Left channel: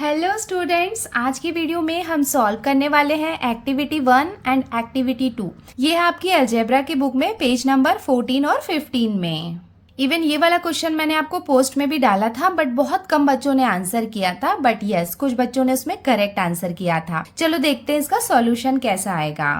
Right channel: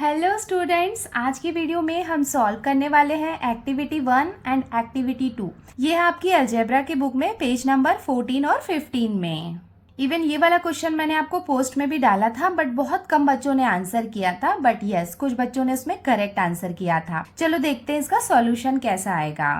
Hello students, आज की video में हम सॉल्व करने वाले हैं एक्टिविटी 1 एंड एक्टिविटी 2। ये है आपकी अलजेब्रा की बुक में पेज नंबर 14 और 15 में। इवन ये वाला क्वेश्चन मैंने आपको पोस्ट में भी डाला था, बट बहुत कम बच्चों ने आंसर किया था। बट यस, कुछ बच्चों ने उसमें करेक्ट आंसर किया था। चलो देखते हैं इसका सॉल्यूशन कैसा आएगा।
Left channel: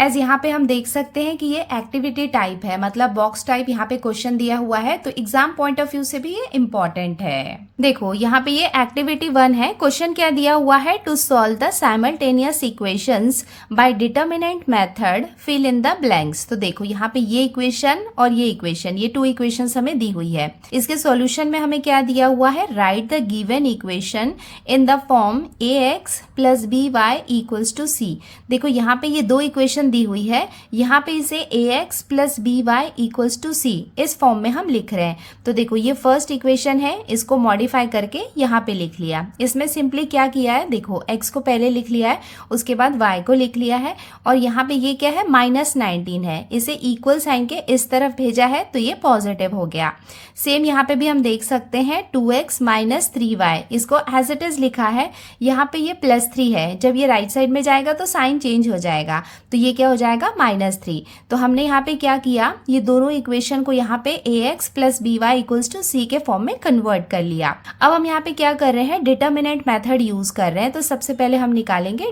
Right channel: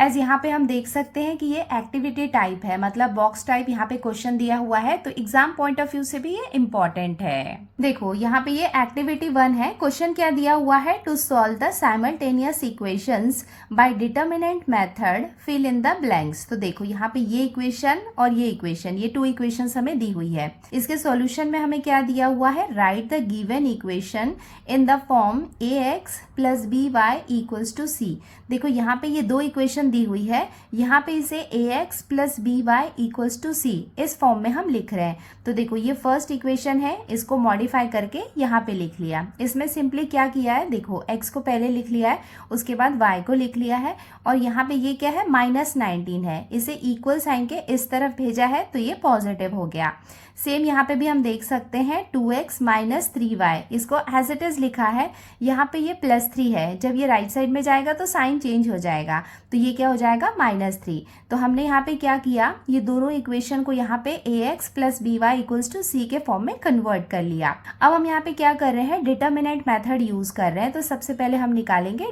एज यहाँ पे हम देख सकते हैं कि ये एक्टिविटी टाइप है, मतलब बॉक्स टाइप यहाँ पे क्वेश्चन दिया हुआ है, तो एग्जाम पॉइंट ऑफ व्यू से भी ये इम्पोर्टेंट है। देखो यहाँ पे ये एक्टिविटी 1 है। क्वेश्चन क्या दिया हुआ है? To solve the simultaneous equations by determinant method, fill in the blanks. तो देखो यहाँ पे ये इक्वेशन और ये इक्वेशन, ये 2 इक्वेशंस हमें दी हुई है। इसके सॉल्यूशन में हमें क्या दिया हुआ है? Write the given equation in the form ax plus b y equals to c. देखो यहाँ पे ये 2 इक्वेशन दी हुई है, यहाँ पे इसे ax plus b y equals to c इस फॉर्म में हम लिख रहे हैं। तो देखो ये फर्स्ट इक्वेशन है, इसको मॉडिफाई करके यहाँ पे लिख लिया। इसमें सिंपली क्या किया है? देखो x को पहले लिख लिया है, उसके बाद y को लिख लिया है, और यहाँ पे ये क्या है? -19 है। इसे इक्वल साइन के इस तरफ भेजा है तो ये पॉजिटिव हो गया। सेम यहाँ पे भी हम देख सकते हैं 2x माइनस 3y, इसको एज इट इज लिखा है। यहाँ पे ये +3 है, जब ये राइट साइड में जाएगा तो साइन चेंज हो जाएगा, तो ये क्या हो जाएगा? -3। तो हमने यहाँ पे क्या किया? ये दोनों इक्वेशन को यहाँ पे ax plus b y equals to c के फॉर्म में कन्वर्ट कर लिया। अब हम यहाँ पे क्या कर रहे हैं? डिटर्मिनेंट मेथड यूज कर रहे हैं। तो सबसे पहले हम निकालेंगे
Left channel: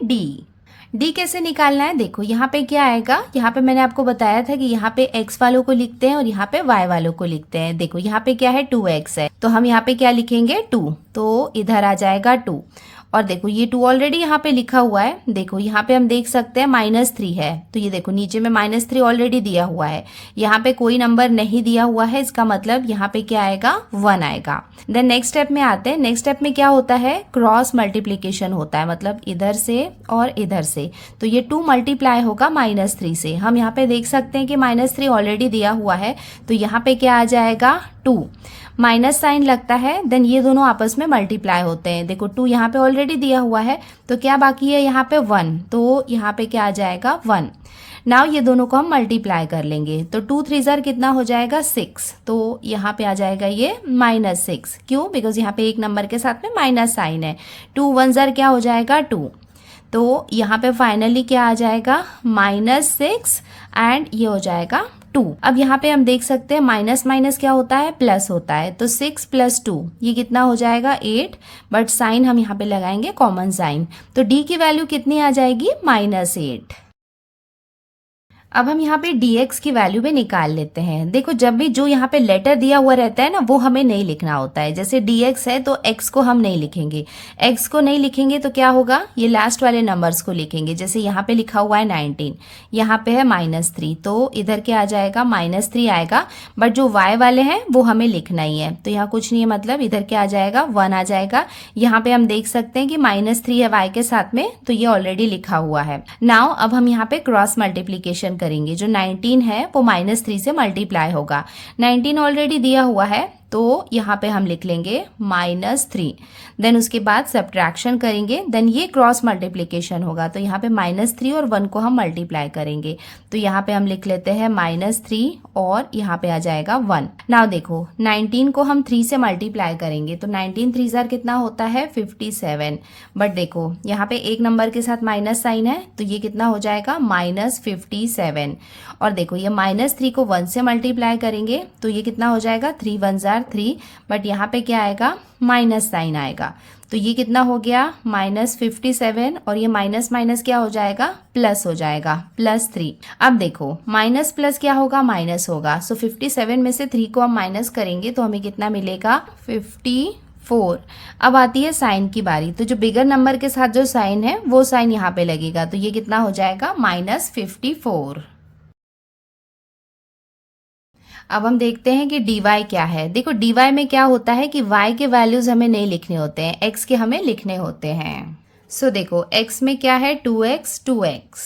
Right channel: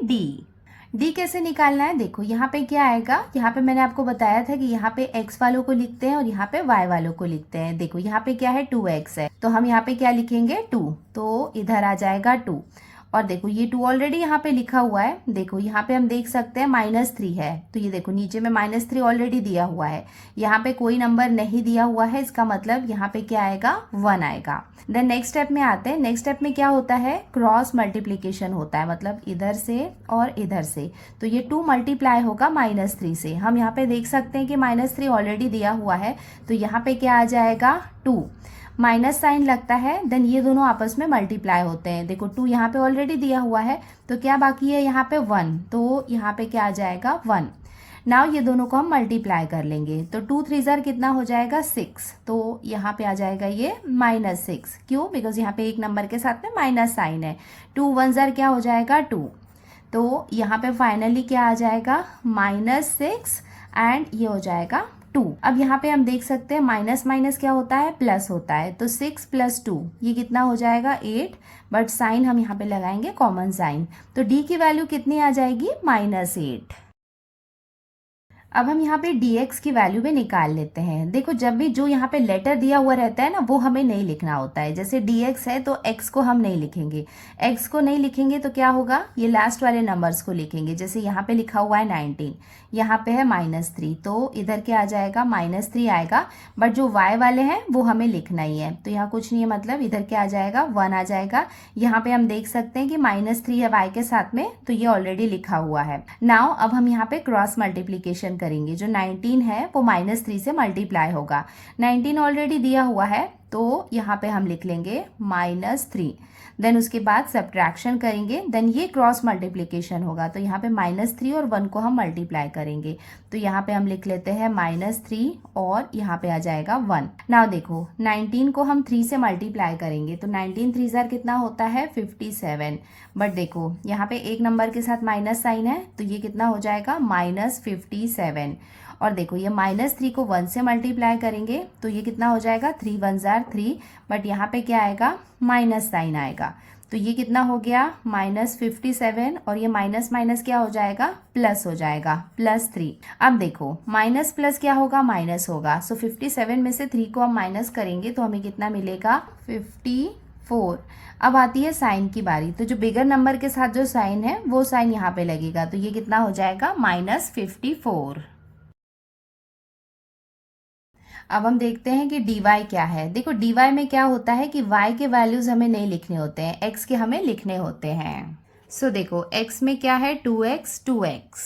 डी कैसे निकालना है? देखो यहाँ पे क्या आएगा? यहाँ पे मैंने आपको बताया था कि यहाँ पे x वालों को लिखते हैं और यहाँ पे y वालों को लिखते हैं। देखो यहाँ पे क्या है? 2x है, तो हम यहाँ पे क्या लिखेंगे? 2, तो इधर आ जाएगा 2। और देखो ये 2 ऑलरेडी यहाँ पे लिखा हुआ है। देखो यहाँ पे हम देख सकते हैं -3 है, तो ये देखो नीचे में -3 ऑलरेडी दिया हुआ है। यहाँ पे कोई नंबर नहीं दिया हुआ है, इसका मतलब यहाँ पे क्या आएगा? 1 आएगा। देन नेक्स्ट स्टेप में आते हैं। नेक्स्ट स्टेप में क्या होता है? क्रॉस मल्टीप्लीकेशन होता है, मतलब इधर से और इधर से। तो ये 2 मल्टीप्लाई होगा -3 से। हम यहाँ पे देख सकते हैं कि -3 ऑलरेडी दिया हुआ है, तो यहाँ पे क्या आ जाएगा? 2। माइनस साइन लगता है, देन ये दोनों आपस में मल्टीप्लाई होते हैं। देखो 2 यहाँ पे ऑलरेडी दिया हुआ है, तो क्या बाकी है? यहाँ पे 1, तो यहाँ पे क्या आ जाएगा? 1। नाउ ये दोनों को हम मल्टीप्लाई कर लेंगे, तो 2 3 जार कितना हो जाएगा? 6। तो यहाँ पे आ जाएगा ये -6। क्यों? बिकॉज यहाँ पे एक नंबर के साथ में माइनस साइन है। 2 1 जार क्या हो जाएगा? 2। तो यहाँ पे फाइनली क्या आ जाएगा? -6 एंड ये हो जाएगा 2। अब यहाँ पे हम देख सकते हैं माइनस माइनस क्या होता है? प्लस होता है, तो 6 + 2 ये कितना हो जाएगा? 8। बट साइन हम यहाँ पे लगाएंगे कॉमन साइन, तो डी की वैल्यू कितनी आ जाएगी? -8। अब हम यहाँ पे dx की वैल्यू भी निकाल लेते हैं। देखो जब भी जो यहाँ पे लेटर दिया हुआ रहता है ना, वो हमें नहीं लिखना होता है। जैसे dx है तो x को हम नहीं लिखेंगे। x को नहीं लिखेंगे तो क्या होगा? ये लास्ट वाले नंबर्स को लिखेंगे। जैसे यहाँ पे लिखा हुआ है 19, यहाँ पे है -3, तो इधर क्या आ जाएगा? -3 आएगा। बट जो y वाले हैं वो हमें लिखना ही है, तो यहाँ कुछ नहीं है, मतलब इधर क्या आ जाएगा? 1 आ जाएगा। यहाँ पे हम देख सकते हैं कि -3 है y के साथ में, तो ये ऑलरेडी लिखा हुआ है। नाउ अब हम यहाँ पे क्रॉस मल्टीप्लीकेशन करेंगे। जो 19 है वो -3 से मल्टीप्लाई होगा। 19 ऑलरेडी दिया हुआ है, तो यहाँ पे हम लिख लेंगे -3। देन उसके बाद सब्ट्रैक्शन करेंगे, देन ये क्रॉस मल्टीप्लिकेशन होगा, तो यहाँ पे -3 और 1 को हम मल्टीप्लाई करेंगे। तो यहाँ पे हम लिख लेते हैं -3 और यहाँ पे आ जाएगा 1। नाउ देखो 19 को हम 3 से मल्टीप्लाई करेंगे, तो 19 3 जार कितना होता है? 57। बट देखो यहाँ पे एक नंबर के साथ माइनस साइन है, तो ये कितना हो जाएगा? -57। और देखो ये -3 को 1 से मल्टीप्लाई करेंगे, तो ये कितना हो जाएगा? 3 1 जार 3। बट यहाँ पे क्या आएगा? माइनस साइन आएगा, तो ये कितना हो गया? -57, और ये माइनस माइनस क्या हो जाएगा? प्लस हो जाएगा, +3। अब देखो माइनस प्लस क्या होगा? माइनस होगा। सो 57 में से 3 को हम माइनस करेंगे तो हमें कितना मिलेगा? 54। अब आती है साइन की बारी, तो जो बिगर नंबर के साथ जो साइन है वो साइन यहाँ पे लगेगा, तो ये कितना हो जाएगा? -54। अब हम देखते हैं कि dy क्या है। देखो dy में क्या होता है कि y के वैल्यूज हमें नहीं लिखने होते हैं, x के हमें लिखने होते हैं। सो देखो x में क्या है? 2x।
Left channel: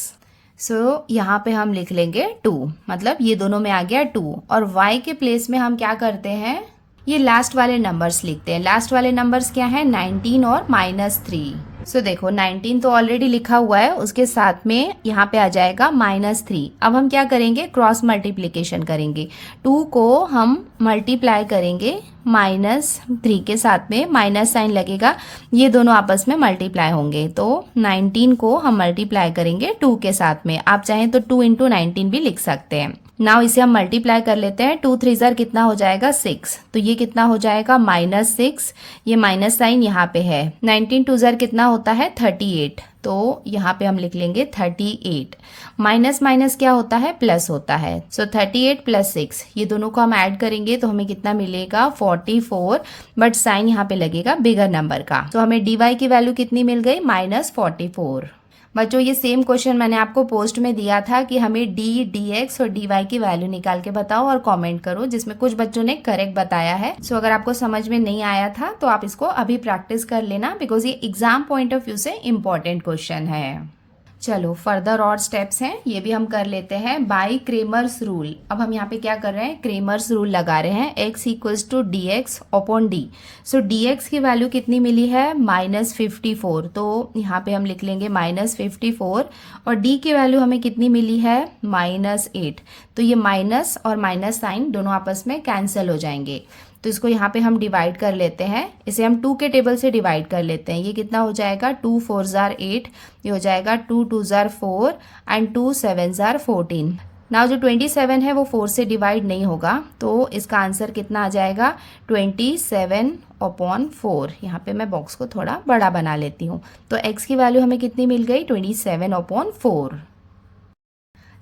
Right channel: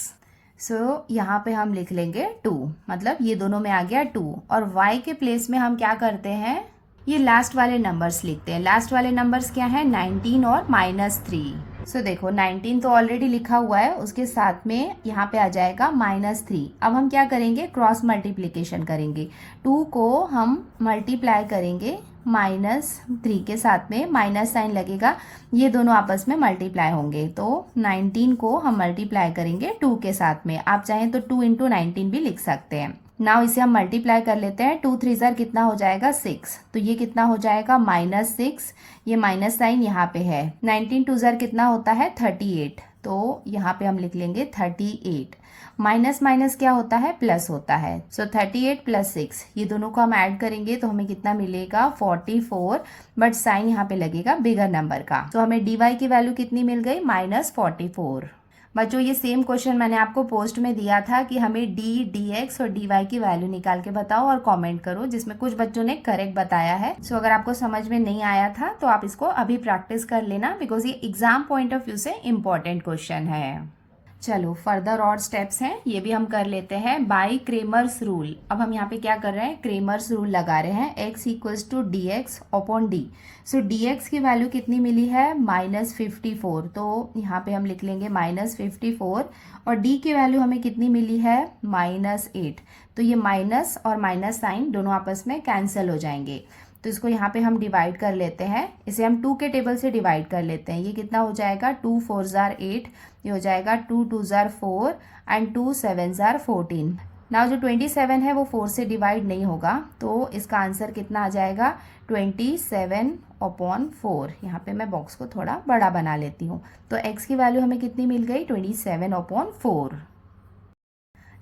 सो यहाँ पे हम लिख लेंगे 2, मतलब ये दोनों में आ गया 2, और y के प्लेस में हम क्या करते हैं? ये लास्ट वाले नंबर्स लिखते हैं। लास्ट वाले नंबर्स क्या है, 19 और -3। सो देखो 19 तो ऑलरेडी लिखा हुआ है, उसके साथ में यहाँ पे आ जाएगा -3। अब हम क्या करेंगे, क्रॉस मल्टीप्लिकेशन करेंगे। 2 को हम मल्टीप्लाई करेंगे -3 के साथ में, माइनस साइन लगेगा, ये दोनों आपस में मल्टीप्लाई होंगे। तो 19 को हम मल्टीप्लाई करेंगे 2 के साथ में। आप चाहें तो 2 × 19 भी लिख सकते हैं। नाउ इसे हम मल्टीप्लाई कर लेते हैं। 2 3 ज़ार कितना हो जाएगा, 6। तो ये कितना हो जाएगा, -6। ये माइनस साइन यहाँ पे है। 19 2 ज़ार कितना होता है, 38। तो यहाँ पे हम लिख लेंगे 38। माइनस माइनस क्या होता है, प्लस होता है। सो 38 + 6, ये दोनों को हम ऐड करेंगे तो हमें कितना मिलेगा, 44। बट साइन यहाँ पे लगेगा बिगर नंबर का। तो हमें dy की वैल्यू कितनी मिल गई, -44। बच्चों ये सेम क्वेश्चन मैंने आपको पोस्ट में दिया था कि हमें d, dx और dy की वैल्यू निकाल के बताओ और कमेंट करो, जिसमें कुछ बच्चों ने करेक्ट बताया है। सो अगर आपको समझ में नहीं आया था तो आप इसको अभी प्रैक्टिस कर लेना, बिकॉज ये एग्जाम पॉइंट ऑफ व्यू से इम्पोर्टेंट क्वेश्चन है। चलो फर्दर और स्टेप्स हैं, ये भी हम कर लेते हैं। Bye Cramer's rule. अब हम यहाँ पे क्या कर रहे हैं, क्रेमर्स रूल लगा रहे हैं। x = dx upon d। सो dx की वैल्यू कितनी मिली है, -54। तो यहाँ पे हम लिख लेंगे -54। और d की वैल्यू हमें कितनी मिली है, -8। तो ये माइनस और माइनस साइन दोनों आपस में कैंसिल हो जाएंगे। तो इसको यहाँ पे हम डिवाइड कर लेते हैं। इसे हम 2 के टेबल से डिवाइड कर लेते हैं। ये कितना हो जाएगा, 2 4 ज़ार 8, ये हो जाएगा 2 2 ज़ार 4 एंड 2 7 ज़ार 14। नाउ जो 27 है वो 4 से डिवाइड नहीं होगा, तो इसका आंसर कितना आ जाएगा, 27/4। यहाँ पे मैं बॉक्स को थोड़ा बड़ा बना लेती हूँ। तो x की वैल्यू हमें कितनी मिल गई, 27/4।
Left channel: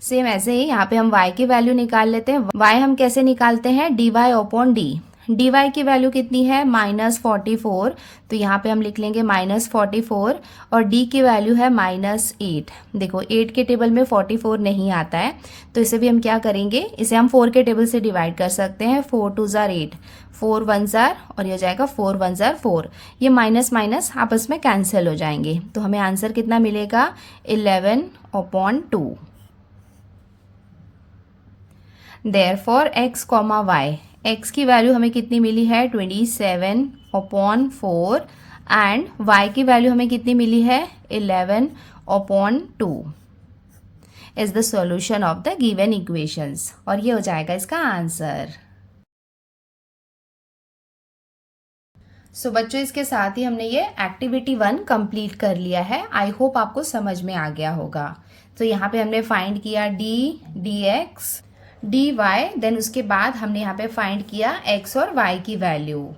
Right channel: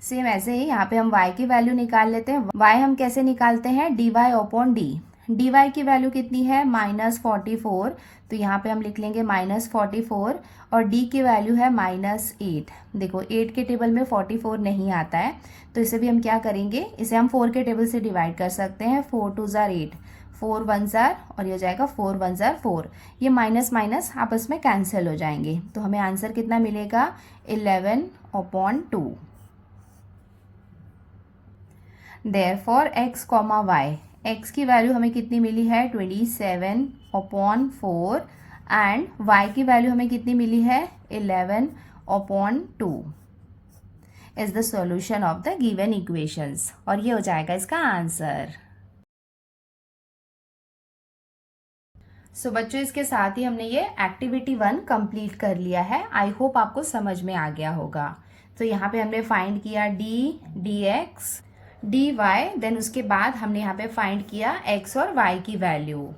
सेम ऐसे ही यहाँ पे हम y की वैल्यू निकाल लेते हैं। y हम कैसे निकालते हैं, dy/d। dy की वैल्यू कितनी है, -44। तो यहाँ पे हम लिख लेंगे -44 और d की वैल्यू है -8। देखो 8 के टेबल में 44 नहीं आता है, तो इसे भी हम क्या करेंगे, इसे हम 4 के टेबल से डिवाइड कर सकते हैं। 4 2 ज़ार 8, 4 1 ज़ार और ये हो जाएगा 4 1 ज़ार 4। ये माइनस माइनस आपस में कैंसिल हो जाएंगे। तो हमें आंसर कितना मिलेगा, 11/2। देयरफॉर x, y, x की वैल्यू हमें कितनी मिली है, 27/4 एंड y की वैल्यू हमें कितनी मिली है, 11/2 is the solution of the given equations. और ये हो जाएगा इसका आंसर। सो बच्चों इसके साथ ही हमने ये एक्टिविटी 1 कंप्लीट कर लिया है। आई होप आपको समझ में आ गया होगा। तो यहाँ पे हमने फाइंड किया d, dx, dy, देन उसके बाद हमने यहाँ पे फाइंड किया x और y की वैल्यू।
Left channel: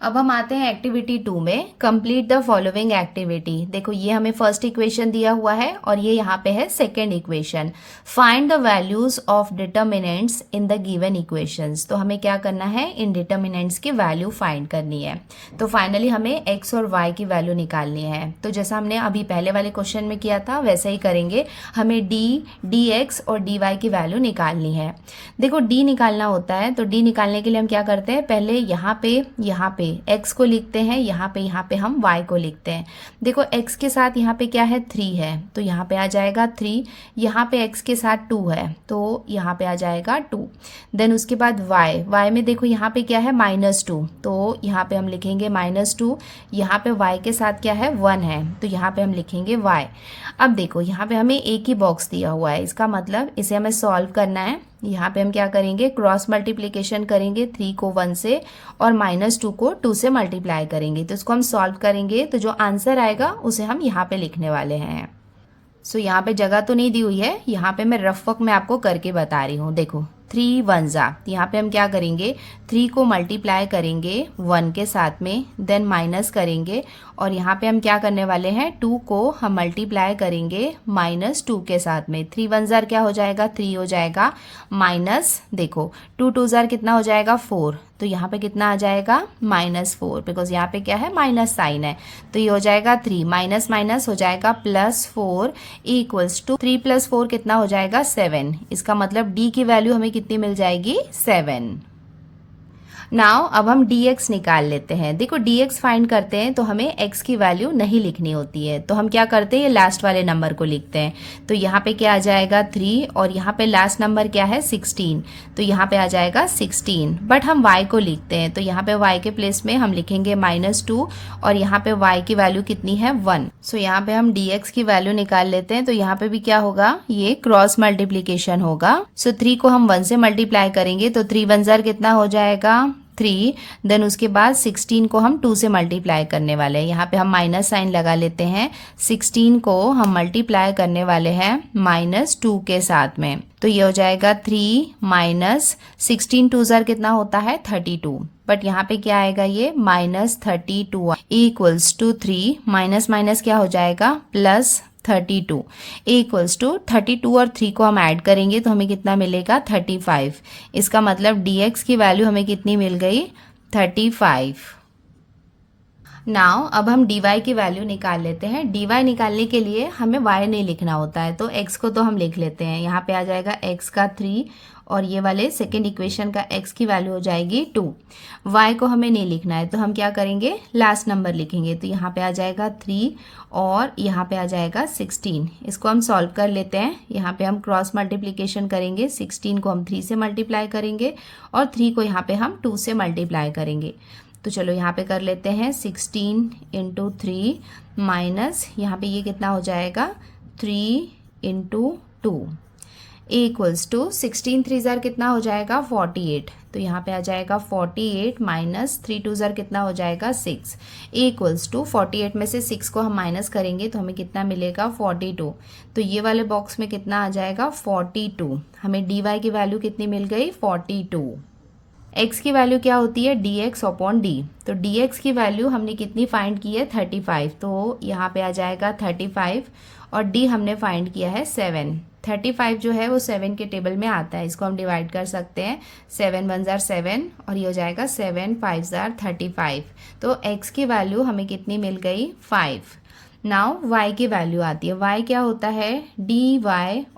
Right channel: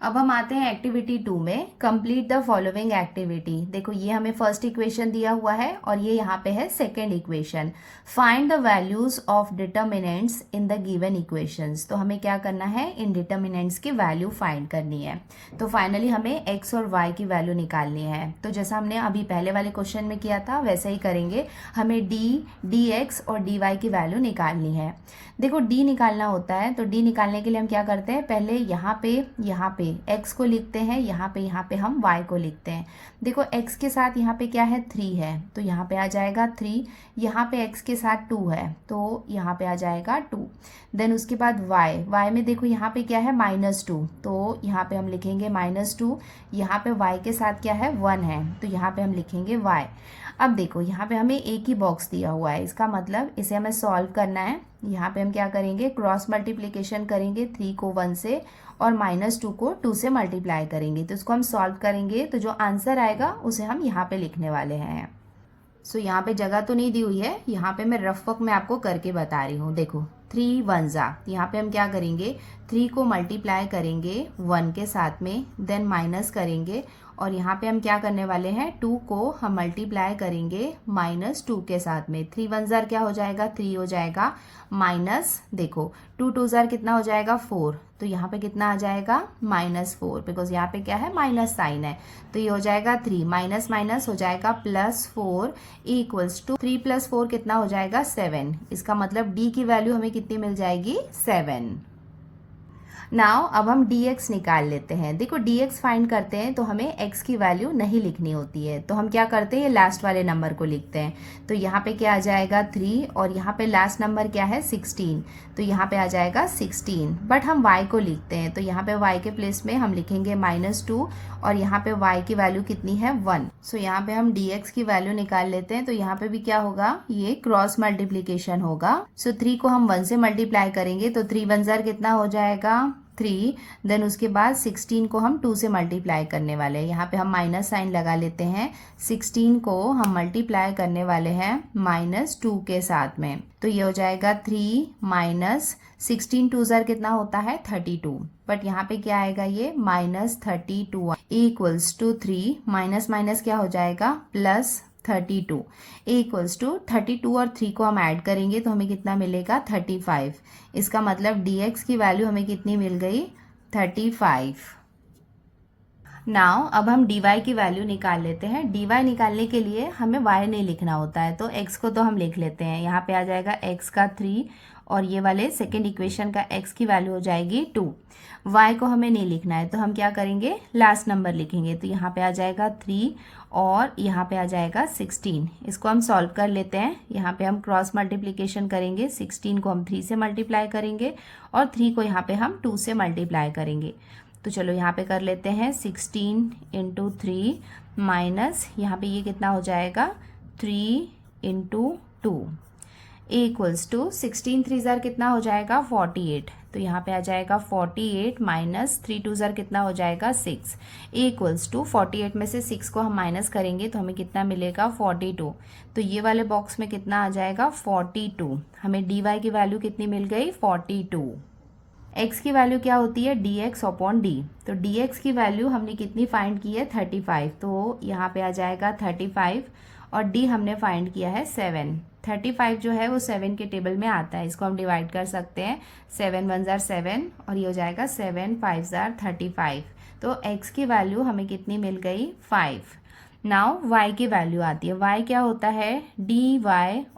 अब हम आते हैं एक्टिविटी 2 में। Complete the following activity. देखो ये हमें फर्स्ट इक्वेशन दिया हुआ है और ये यहाँ पे है second equation. Find the values of determinants in the given equations. तो हमें क्या करना है, इन डिटर्मिनेंट्स की वैल्यू फाइंड करनी है। तो फाइनली हमें x और y की वैल्यू निकालनी है। तो जैसा हमने अभी पहले वाले क्वेश्चन में किया था वैसा ही करेंगे। हमें d, dx और dy की वैल्यू निकालनी है। देखो d निकालना होता है तो d निकालने के लिए हम क्या करते हैं, पहले यहाँ पे x को लिखते हैं, यहाँ पे हम y को लिखते हैं। देखो x के साथ यहाँ पे क्या है, 3 है, तो यहाँ पे आ जाएगा 3। यहाँ पे x के साथ 2 है, तो यहाँ पे आ जाएगा 2। देन उसके बाद y में देखो यहाँ पे क्या है, -2, तो यहाँ पे हम लिखेंगे -2। यहाँ पे y के साथ क्या है, 1 है, तो यहाँ पे हम लिखेंगे y। अब देखो यहाँ पे हमें एक ही बॉक्स दिया हुआ है, इसका मतलब इसे हमें सॉल्व करना है। यहाँ पे हम क्या करेंगे, क्रॉस मल्टीप्लिकेशन करेंगे, 3 को 1 से और -2 को 2 से मल्टीप्लाई करेंगे। तो इसको हम सॉल्व करेंगे, तो जो आंसर आएगा उसे हम यहाँ पे लिखने वाले हैं। सो यहाँ पे जगह तो नहीं दी हुई है, यहाँ पे मैं रफ वर्क में आपको करके बता रही हूँ। देखो 3 1 ज़ा, यहाँ पे हम क्या करेंगे, 3 को मल्टीप्लाई करेंगे 1 के साथ में, देन माइनस करेंगे और यहाँ पे हम क्या करने वाले हैं, 2 को हम मल्टीप्लाई करेंगे -2 के साथ में। 3 1 ज़ार क्या हो जाएगा, 3 हो जाएगा, माइनस देखो 2 2 ज़ार कितना हो जाएगा, 4। तो यहाँ पे कितना आ जाएगा, -4, बिकॉज यहाँ पे क्या है, माइनस साइन है, तो ये हो जाएगा 3 माइनस माइनस हो जाएगा +4 इक्वल्स टू 3 + 4 कितना हो जाएगा, 7। इसका मतलब d की वैल्यू हमें कितनी मिल जाएगी, 7। नाउ अब हम dx निकाल लेते हैं। देखो dx फाइंड करते हैं तो हमें x की वैल्यू नहीं लिखनी होती है, तो हम क्या करते हैं, ये लास्ट वाले नंबर को लिखते हैं। तो यहाँ पे क्या आ जाएगा 3 और यहाँ पे लास्ट नंबर क्या है 16, तो यहाँ पे आ जाएगा 16। बट हम y को लिखते हैं, तो यहाँ पे y के प्लेस में हम लिखेंगे -2 और यहाँ पे y की वैल्यू कितनी है 1। सो यहाँ पे हम dx की वैल्यू निकाल लेते हैं। तो यहाँ पे भी क्या होगा, ये क्रॉस मल्टीप्लीकेशन होगा। सो 3 को हम 1 से मल्टीप्लाई करेंगे तो 3 1 जार कितना हो जाएगा 3। देन उसके बाद 16 को हम 2 से मल्टीप्लाई करने वाले हैं। यहाँ पे हम माइनस साइन लगा लेते हैं। 16 को हम मल्टीप्लाई करने वाले हैं -2 के साथ में, तो ये हो जाएगा 3 माइनस 16 2 जार कितना होता है 32। बट यहाँ पे क्या आएगा, ये -32 इक्वल्स टू 3 माइनस माइनस क्या हो जाएगा +32 इक्वल्स टू 32 और 3 को हम ऐड करेंगे तो हमें कितना मिलेगा 35। इसका मतलब dx की वैल्यू हमें कितनी मिल गई 35। नाउ अब हम dy की वैल्यू निकाल लेते हैं। dy निकालने के लिए हमें y नहीं लिखना होता है, तो x को तो हम लिख लेते हैं। यहाँ पे आ जाएगा x का 3 और ये वाले सेकेंड इक्वेशन का x की वैल्यू हो जाएगी 2। y को हमें नहीं लिखना है, तो हम क्या करेंगे, लास्ट नंबर लिखेंगे। तो यहाँ पे आ जाएगा 3 और यहाँ पे आ जाएगा 16। इसको हम सॉल्व कर लेते हैं। यहाँ पे हम क्रॉस मल्टीप्लिकेशन करेंगे, 16 को हम 3 से मल्टीप्लाई करेंगे और 3 को यहाँ पे हम 2 से मल्टीप्लाई करेंगे। तो चलो यहाँ पे कर लेते हैं 16 इंटू 3 माइनस यहाँ पे ये कितना हो जाएगा 3 इंटू 2 इक्वल्स टू 16 3 जार कितना हो जाएगा 48। तो यहाँ पे आ जाएगा 48 माइनस 3 2 जार कितना हो जाएगा 6 इक्वल्स टू 48 में से 6 को हम माइनस करेंगे तो हमें कितना मिलेगा 42। तो ये वाले बॉक्स में कितना आ जाएगा 42। हमें dy की वैल्यू कितनी मिल गई 42। x की वैल्यू क्या होती है dx अपॉन d। तो dx की वैल्यू हमने कितनी फाइंड की है 35, तो यहाँ पे आ जाएगा 35 और d हमने फाइंड किया है 7। 35 जो है वो 7 के टेबल में आता है, इसको हम डिवाइड कर सकते हैं। 7 1 जार 7 और ये हो जाएगा 7 5 जार 35। तो x की वैल्यू हमें कितनी मिल गई 5। नाउ y की वैल्यू आती है। y क्या होता है dy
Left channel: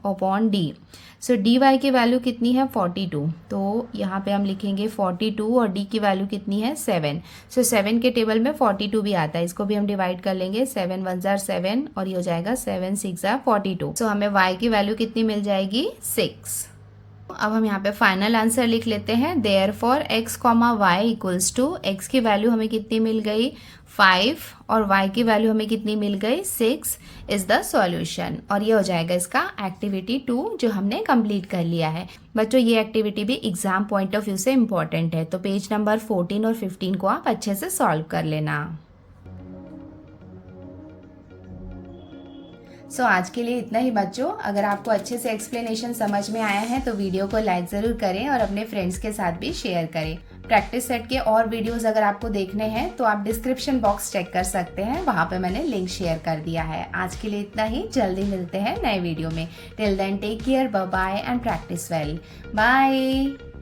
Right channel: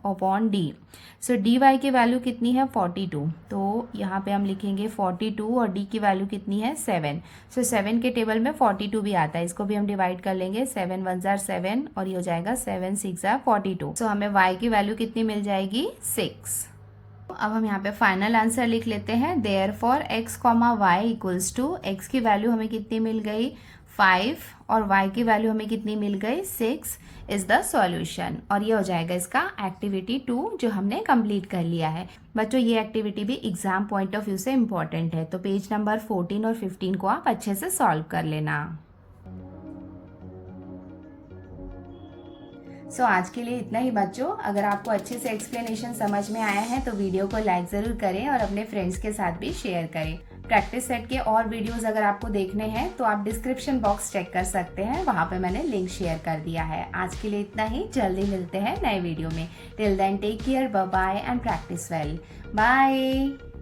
अपॉन d। सो dy की वैल्यू कितनी है 42, तो यहाँ पे हम लिखेंगे 42 और d की वैल्यू कितनी है 7। सो 7 के टेबल में 42 भी आता है, इसको भी हम डिवाइड कर लेंगे। 7 1 जार 7 और ये हो जाएगा 7 6 जार 42। सो हमें y की वैल्यू कितनी मिल जाएगी 6। अब हम यहाँ पे फाइनल आंसर लिख लेते हैं। Therefore x, y equals to x की वैल्यू हमें कितनी मिल गई 5 और y की वैल्यू हमें कितनी मिल गई 6 इज द सॉल्यूशन। और ये हो जाएगा इसका एक्टिविटी 2 जो हमने कंप्लीट कर लिया है। बच्चों ये एक्टिविटी भी एग्जाम पॉइंट ऑफ व्यू से इम्पोर्टेंट है, तो पेज नंबर 14 और 15 को आप अच्छे से सॉल्व कर लेना। सो आज के लिए इतना ही बच्चों। अगर आपको अच्छे से एक्सप्लेनेशन समझ में आया है तो वीडियो को लाइक ज़रूर करें और अपने फ्रेंड्स के साथ भी शेयर करें। प्रैक्टिस सेट के और वीडियोस अगर आपको देखने हैं तो आप डिस्क्रिप्शन बॉक्स चेक कर सकते हैं, वहाँ पे मैंने लिंक शेयर कर दिया है। आज के लिए इतना ही, जल्दी मिलते हैं नए वीडियो में। Till then take care, bye bye and practice well. Bye.